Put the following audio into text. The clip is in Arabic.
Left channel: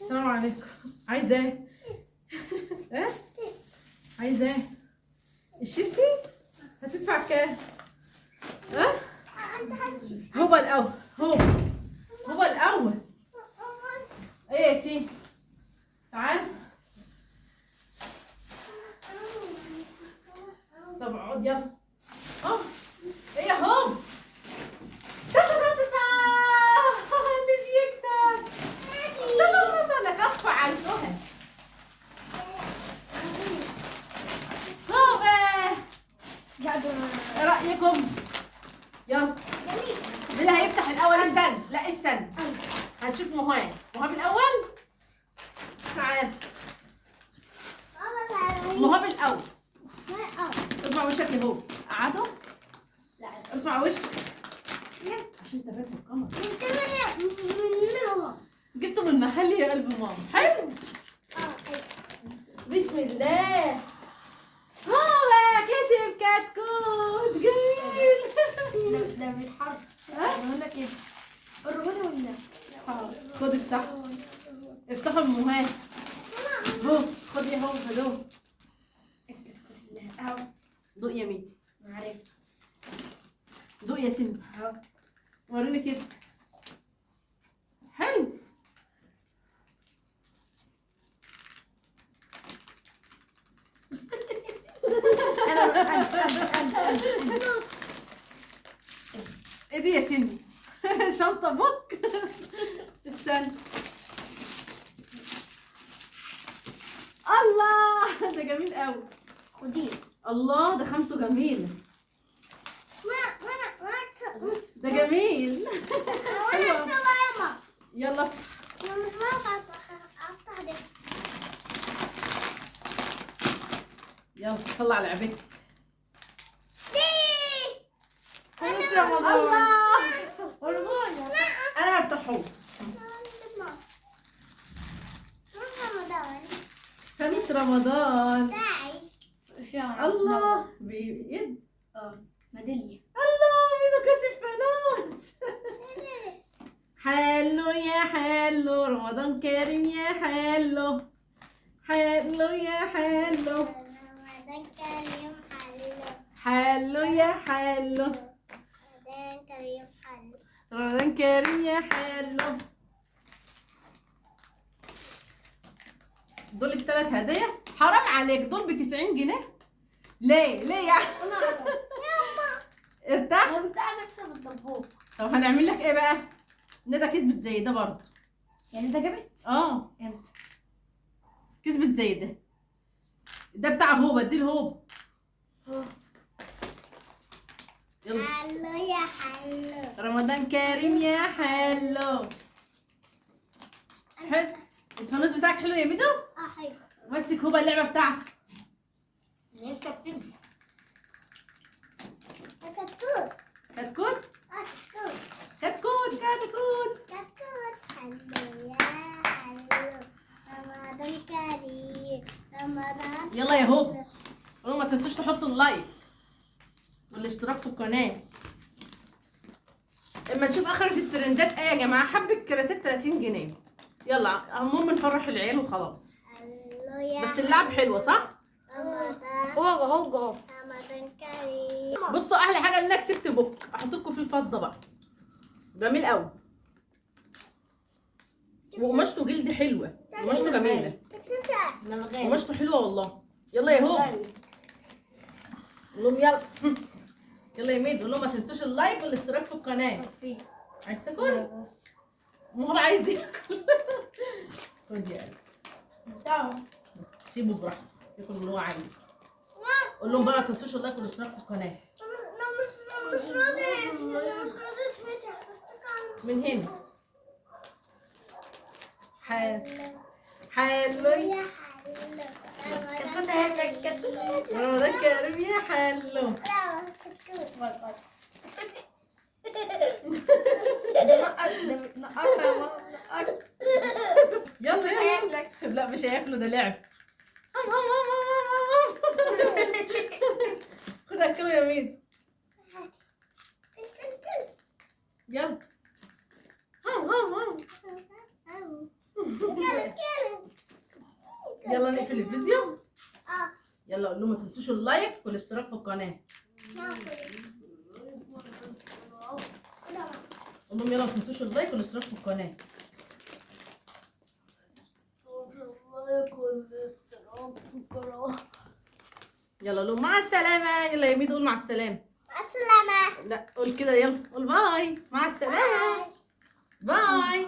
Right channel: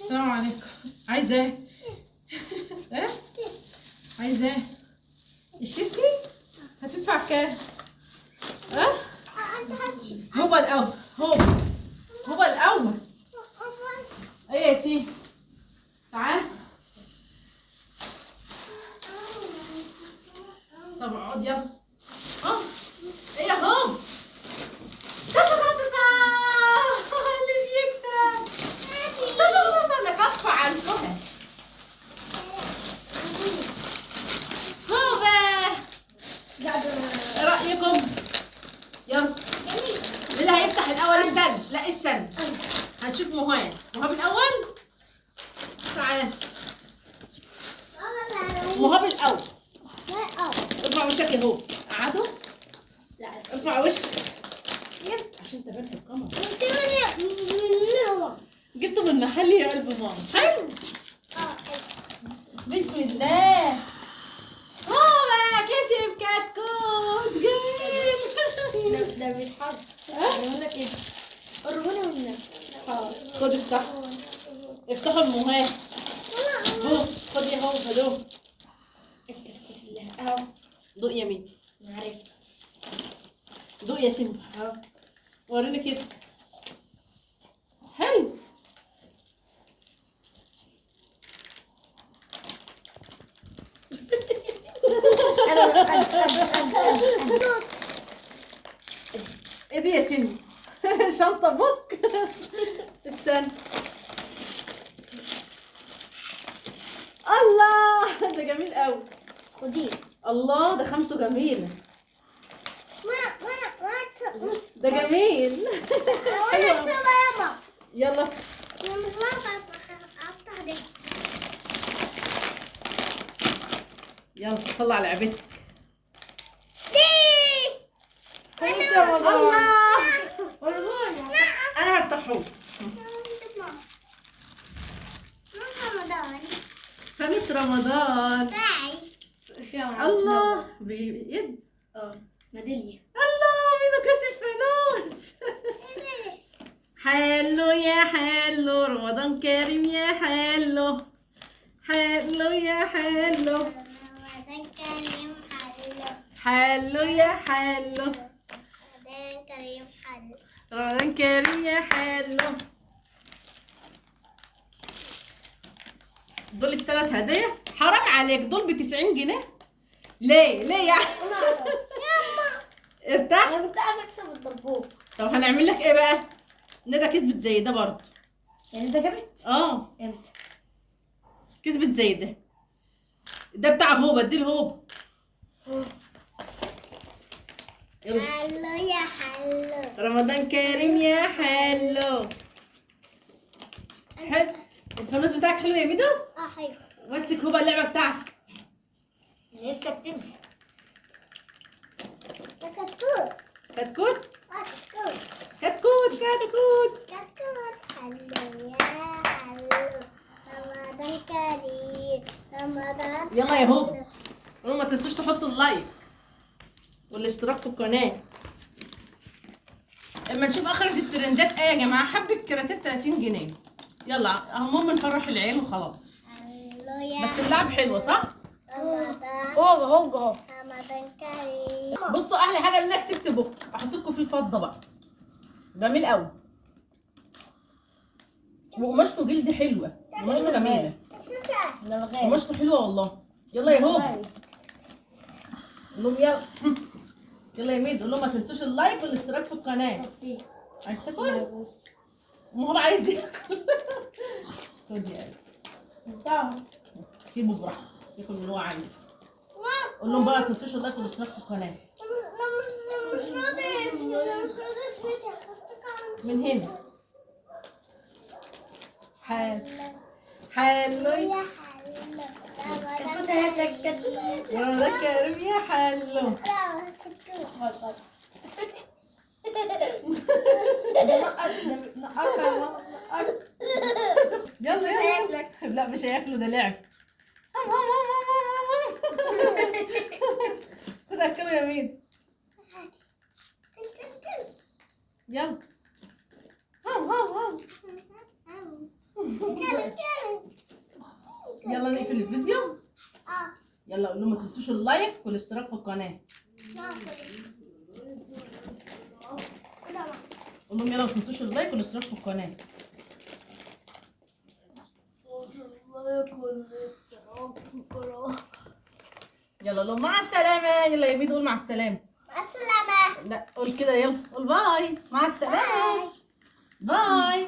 السلام عليكم. عايزة ايه؟ ايه؟ عايزة ايه؟ الشيبسي؟ هتدفع كام؟ ها؟ هو الأول هو الأول. ايه يا سيدي؟ تعال. طب اقعد يلا. اه ايه اهو. اللي بيكسب لك ادفع على الفهم. هو ايه رأيكم؟ يلا مين اللي هيفتح الأول؟ استنى، لا استنى، هنشوف مهاب الأول. تعال مهاب الأول. ارفع وشك يا هو. قعدوا. ارفع وشك عشان تبان في القمر. جبته من محل يا قلب ماما. حلو. بسم الله. هو كسب كتكوت جميل. ده بيتحرك. قلنا كده. الرجولة والنبي. خد افتح. افتحوا المهاب. هو خد يا هو هدوه. الكتكوت اللي اهو. دوق يا مين. معرفة. دوق يا سيدي. اهو. وريني كده. حلو. ايه دي يا سيدي؟ شنطة بوك. استنى. الله ده جميل قوي. خديه. الله ده خامته جميلة. ده جميل. حلو. يلا يلا طلع لعبتك. الله انا هفتحه. خميس رمضان. الله بيد. ميدالية. الله ميدو كسب فلوس. حلو يا حلو رمضان كريم يا حلو. حلو يا حلو. حلو يا حلو. رمضان كريم يا حلو. دول الثلاث هدايا. حرام عليك، دول ب90 جنيه. ليه يا ارتاح. انا كنت عايزة اكسب الدبوب. طب هنعمل لك ايه بقى؟ ندى كسبت زي ده برضه. يعني ده جابت؟ امتى؟ كسبت زي ده. ده بتاع هوبا، ادي الهوبا. يلا. حلو يا حلو. رمضان كريم يا حلو. حلو. الفانوس بتاعك حلو يا ميدو؟ حلو. مسك هوبا اللعبه بتاعتك. لسه بتمشي. كتكوت. كتكوت. كتكوت كتكوت. حلو يا حلو. رمضان كريم. رمضان. يلا يا هوبا. ما تنسوش تحطوا اللايك والاشتراك في القناه. اما نشوف اخرة الترندات ايه يا جماعه. حبة كراتات 30 جنيه. يلا المهم نفرح العيال وخلاص. بس اللعب حلوه صح؟ هو رمضان كريم. بصوا احلى حاجه ان انا كسبت بوك. احط لكم في الفضه بقى. جميل قوي. وقماشته جلد حلوه. قماشته جميله. قماشته حلوه والله. يلا يا هوب. قول لهم يلا. يلا يا ميدو. قول لهم ما تنسوش اللايك والاشتراك في القناه. عايز تاكل؟ هو عايز ياكل. خد يا قلبي. سيبه براحته ياكل اللي هو عايزه. قول لهم بقى ما تنسوش اللايك والاشتراك في القناه. من هنا. حلو يا رمضان كريم يا حلو. يلا لا مش هياكلوا ده لعب. خد اكله يا مين. يلا. يلا نقفل الفيديو. يلا قول لهم ما تنسوش اللايك والاشتراك في القناه. قول لهم يلا ما تنسوش اللايك والاشتراك في القناه. يلا لهم مع السلامه. يلا يا ميدو قول مع السلامه. مع السلامة. لا قول كده، يلا قول باي. مع السلامه. باي.